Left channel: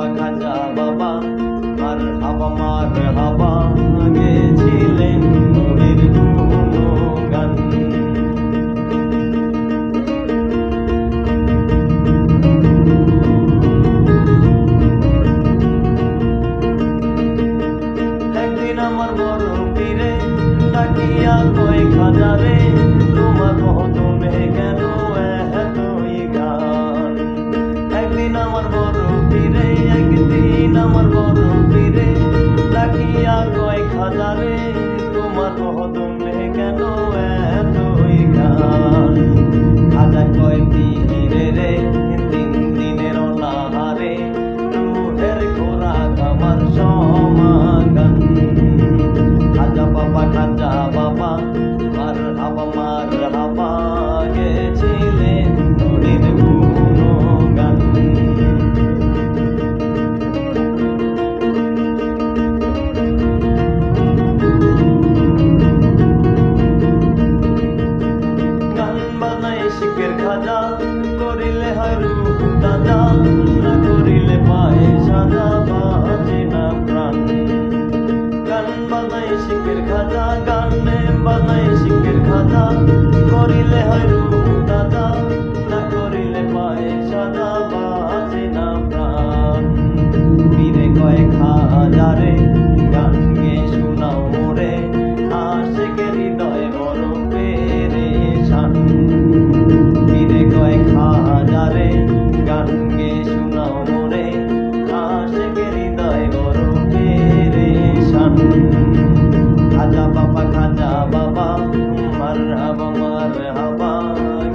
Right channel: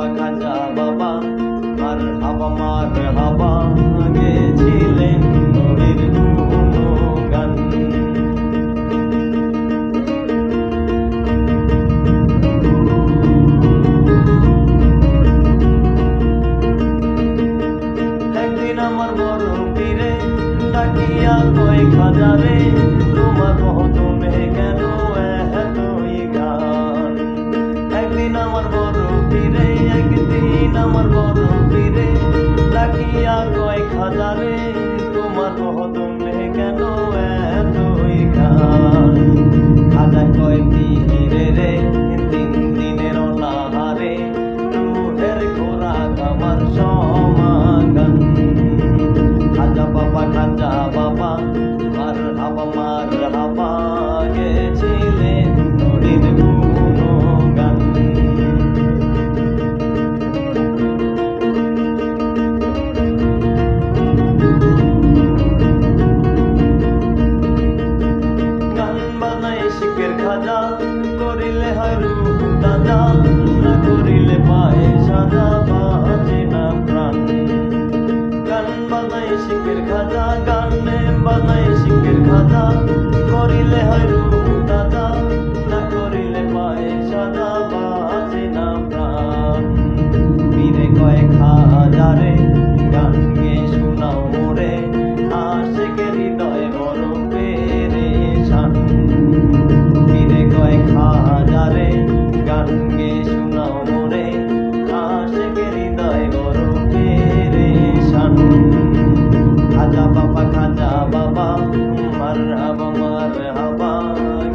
বাবা খাজা বাবা মার হাবা গেছিলেন নবীর গুণগান। একদিন আমার বড় পীরে ডাকিয়া কয় খাজা রে, তোমার মহতমে কেন এতই গান? একদিন আমার বড় পীরে ডাকিয়া কয় খাজা রে, তোমার মহতমে কেন এতই গান? খাজা কয় পীরে রে, তিন দিনের অনাহারে রুহের খোরাক আমার সমাগান। খাজা বাবা মার হাবা গেছিলেন নবীর গুণগান। গান বাজায় শিখের খাজা, করিলে হয় রূপ তাজা, না করিলে পায়ে সাজা, বাজে না প্রাণ। গান বাজায় শিখের খাজা, করিলে হয় রূপ তাজা, না করিলে পায়ে সাজা, বাজে না প্রাণ। পীরে কয় খাজা রে, গান গে শোনাও মোরে, আশিকের হৃদয় বড় পেরেশান। পীরে কয় খাজা রে, গান গে শোনাও মোরে, আশিকের হৃদয় বড় পেরেশান। খাজা বাবা মার হাবা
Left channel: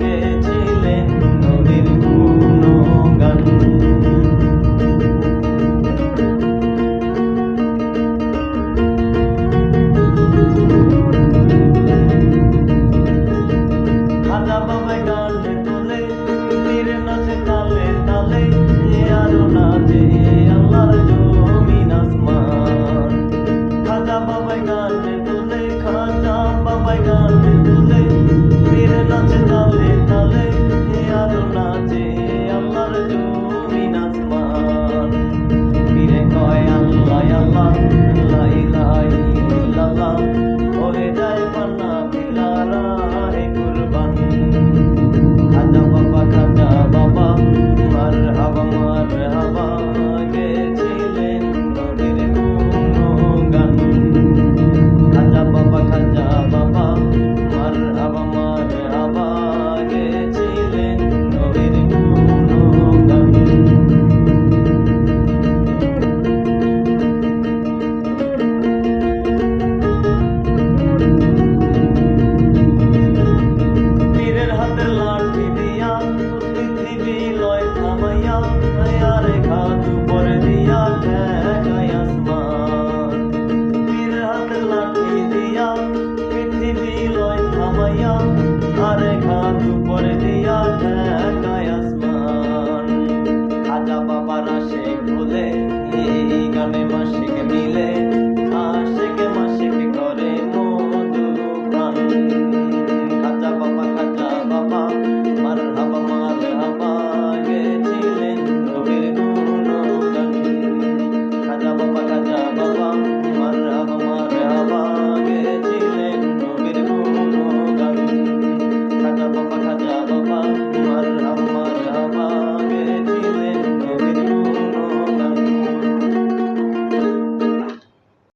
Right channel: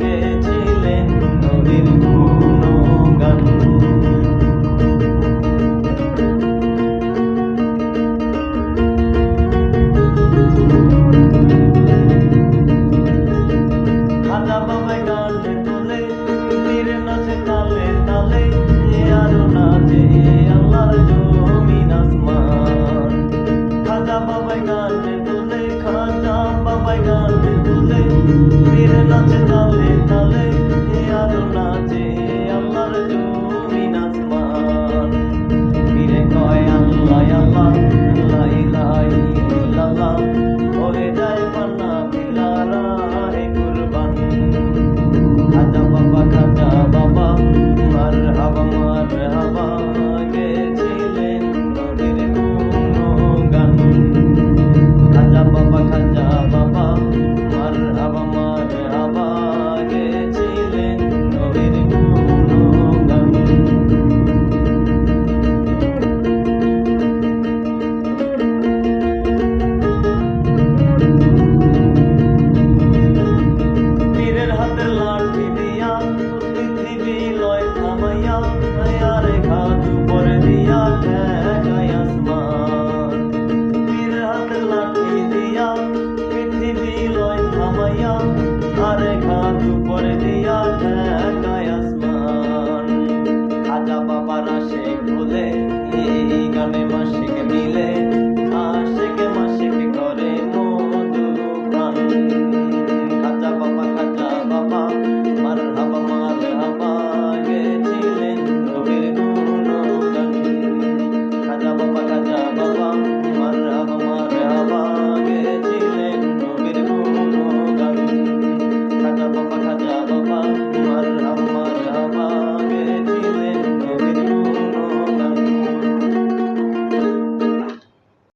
গেছিলেন নবীর গুণগান। খাজা বাবা গানে তোলে, পীর নাচে তালে তালে, আরো নাচে আল্লাহর জমিন আসমান। খাজা বাবা গানে তোলে, পীর নাচে তালে তালে, আরো নাচে আল্লাহর জমিন আসমান। পীরে কয় আল্লাহ আল্লাহ, লা ইলাহা ইল্লাল্লাহ, হয়ে যায় পান্না পিলারা হে কুরবান। খাজা বাবা মার হাবা গেছিলেন নবীর গুণগান। খাজা বাবা মার হাবা গেছিলেন নবীর গুণগান। পীরের হাতের লাঠি দিয়া পৃথিবী লয় থামাইয়া, আরে ঘাত উপরে দিয়া ঠেকায় আসমান। পীরের হাতের লাঠি দিয়া পৃথিবী লয় থামাইয়া, আরে ঘাত উপরে দিয়া ঠেকায় আসমান। খাজা বাবার আশিক বলে, এই গানে মাসিক মিলে